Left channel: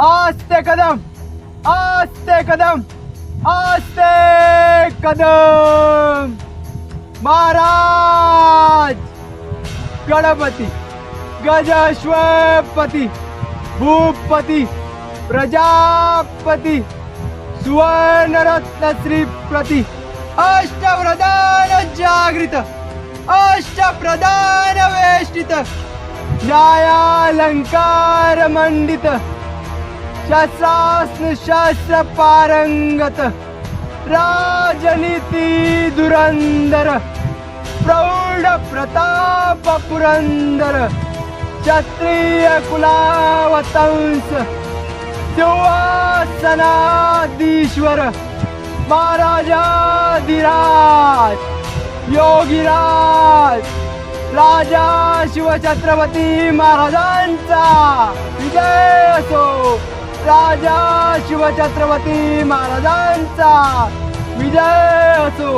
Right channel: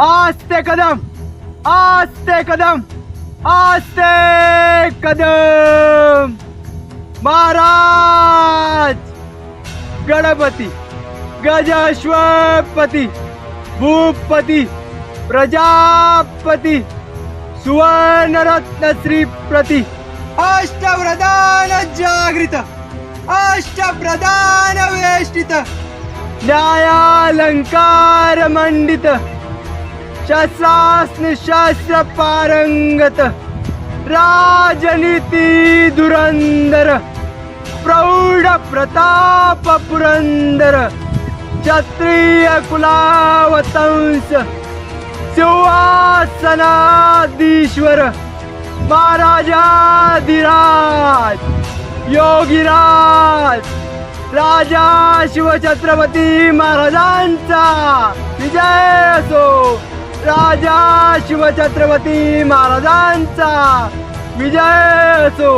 आस्ते कदम, आस्ते कदम, आस्ते कदम. महाराज गणपती गजाश्वपती भूपती प्रजापती सुवर्णरत्न श्रीप्रती अष्टप्रधान जागृत अष्टप्रधान वेष्टित न्यायालंकार मंडित शास्त्र पारंगत राजनीती धुरंधर प्रौढ प्रताप पुरंदर क्षत्रिय कुलावतंस सिंहासनाधीश्वर महाराजाधिराज योगीराज राजा शिवछत्रपती महाराजांचा विजय असो. राजा शिवछत्रपती महाराजांचा विजय असो.